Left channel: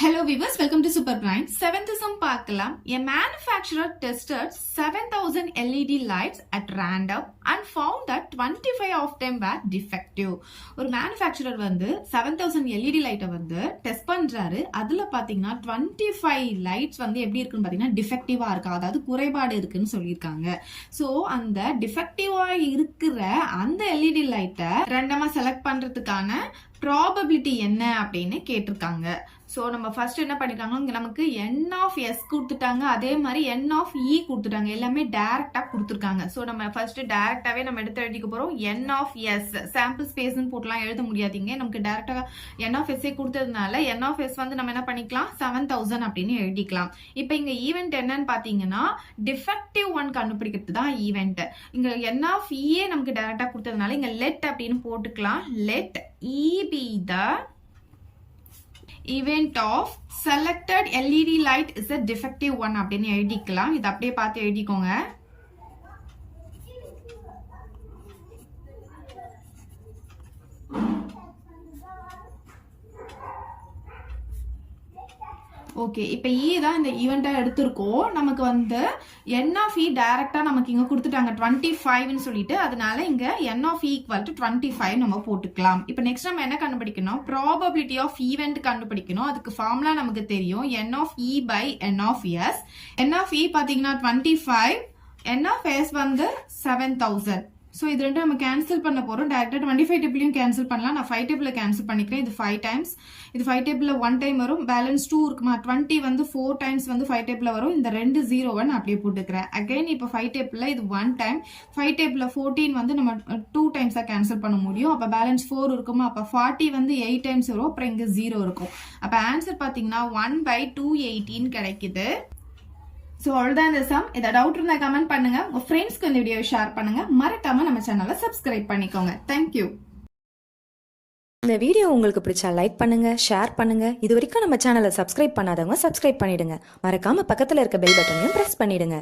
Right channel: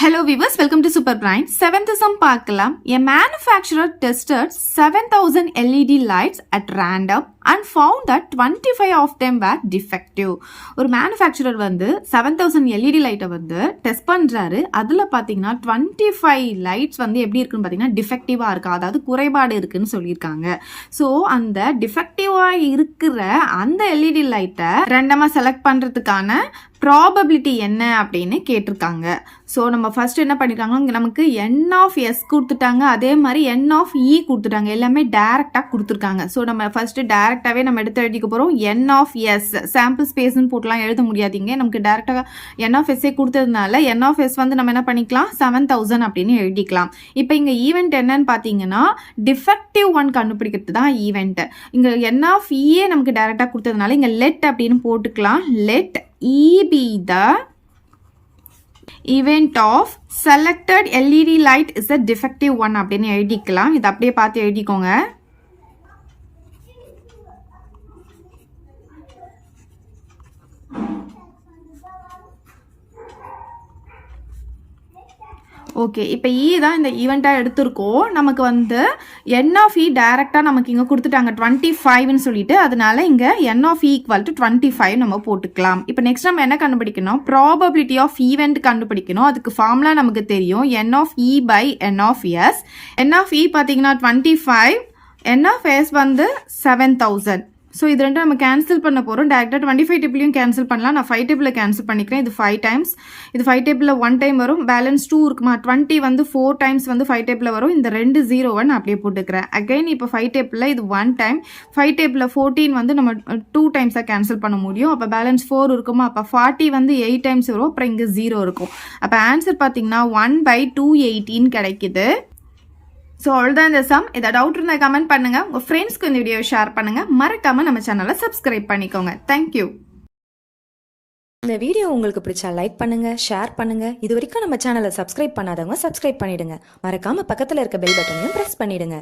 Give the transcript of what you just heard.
Hello viewers, welcome to Super Prime. 7th sum பார்க்கலாம். A manufacturer tested 7,000 LED lights at random and found that 25 of them were defective. ஒரு manufacturer வந்து 7,000 LED லைட்டை வந்து test பண்றாரு. அதுல பாத்தீங்கன்னா 25 lights வந்து எப்படி இருக்குன்னு பாத்தீங்கன்னா டிஃபெக்டிவா இருக்கு, அதாவது குறைபாடு இருக்குன்னு சொல்லியிருக்காங்க. ஸோ அந்த டிஃபெக்டிவா இருக்கிற அந்த LED லைட்டை ரெண்டமா செலக்ட் பண்றதுக்கான ப்ராபபிலிட்டி என்ன அப்படின்னு கேட்டிருக்காங்க. ஸோ நம்ம ஃபர்ஸ்ட் என்ன பண்ணிருக்காங்க, இங்கே நமக்கு என் ஆஃப் எஸ் கொடுத்துட்டாங்க, அதே மாதிரி என் ஆஃப் இ கொடுத்துட்டாங்க, எல்லாமே டைரக்டாக கொடுத்துருக்காங்க. ஸோ நம்ம ஃபர்ஸ்ட் டைரக்டாகவே நம்ம எடுத்து எழுதிக்க போகிறோம். என் ஆஃப் எஸ் சாம்பிள் ஸ்பேஸ்ன்னு போட்டுலாம் எழுத முடியாதீங்க, நமக்கு டைரக்டாக என் ஆஃப் எஸ்ஸே கொடுத்ததுனால என் ஆஃப் எஸ் வந்து நம்ம என்ன பண்ணிக்கலாம் 7,000 அப்படின்னு எழுதிக்கலாம். இப்போ இங்கே ஈவெண்ட் என்னன்னு பார்த்தீங்கன்னா டிஃபெக்டிவ் ஒன் கண்டுபிடிக்கிறது தான் ஈவெண்ட். இங்கே என் ஆஃப் இயே நமக்கு டைரக்டாக கொடுத்ததுனால இங்கே லெட் அப்படின்னு போட்டுக்கலாம். Let E be the event of selected LED light is a defective one அப்படின்னு எழுதிக்கலாம். இது அப்படியே பார்த்து எழுதிக்கோங்க. ஓகே, இப்போ இ தான் இந்த ஈவெண்ட்டாக எடுத்திருக்கோம். நமக்கு வந்து என் ஆஃப் இ டைரெக்டாக நமக்கு இங்கே கொடுத்துட்டாங்க 25ன்னு சொல்லிட்டு, அதனால இங்கே என் ஆஃப் இ ஈக்குவல் டு 25 நம்ம போட்டுக்கலாம். இப்போ நெக்ஸ்ட் நம்ம என்ன கண்டுபிடிக்கணும், ப்ராபபிலிட்டி ஆஃப் ஈவெண்ட் கண்டுபிடிக்கணும். அதுக்கு ஃபார்முலா நமக்கு தெரியும், n of E by n of S. N of E பார்த்தீங்கன்னா 25, என் ஆஃப் எஸ் வந்து 7,000. ஸோ இது ரெண்டும் நம்ம கேன்சல் பண்ண போகிறோம். டேரெக்டாக 25 டேபிளையும் கேன்சல் பண்ணலாம். நான் 5 டேபிளில் கேன்சல் பண்ணிக்கிறேன். இது 5 டைம்ஸ், இது 5 டேபிளில் 1 டைம் வரும், பேலன்ஸ் 2 இருக்குமா. 20 வந்து 4 டைம்ஸ் வந்து 5 டேபிளில் வரும். இந்த 2 0 நான் அப்படியே போட்டுக்கிறேன். அகைன் இப்போ 5 டேபிளில் இது 1 டைம், 5 டேபிளில் 14 வந்து நம்ம 2 டைம்ஸாக கேன்சல் பண்ண முடியும். அப்போ பேலன்ஸ் 4 இருக்குமா. அப்போ 40 வந்து 8 டைம்ஸ் வரும், அப்புறம் இங்கே 0 இருக்கும். அப்போ ஆன்சர் பார்த்தீங்கன்னா 1/218 கிடைக்குது. ஸோ அவ்வளோதான் இந்த சம். இதை டவுட் இருந்தால் கமெண்ட் பண்ணுங்க, உங்கள் ஃப்ரெண்ட்ஸ்க்கு இந்த வீடியோ ஷேர் பண்ணுங்க, மறக்காம நம்ம சேனலை சப்ஸ்கிரைப் பண்ணிக்கோங்க. தேங்க்யூ. இந்த வீடியோ உங்களுக்கு பிடிச்சா லைக் பண்ணுங்க, ஷேர் பண்ணுங்க. இது வரைக்கும் நம்ம சேனலை சப்ஸ்கிரைப் பண்ணாதவங்க சப்ஸ்கிரைப் பண்ணிடுங்க. மறக்காம பக்கத்தில் இருக்க பெல் பட்டனையும் பிரஸ் பண்ணிடுங்க.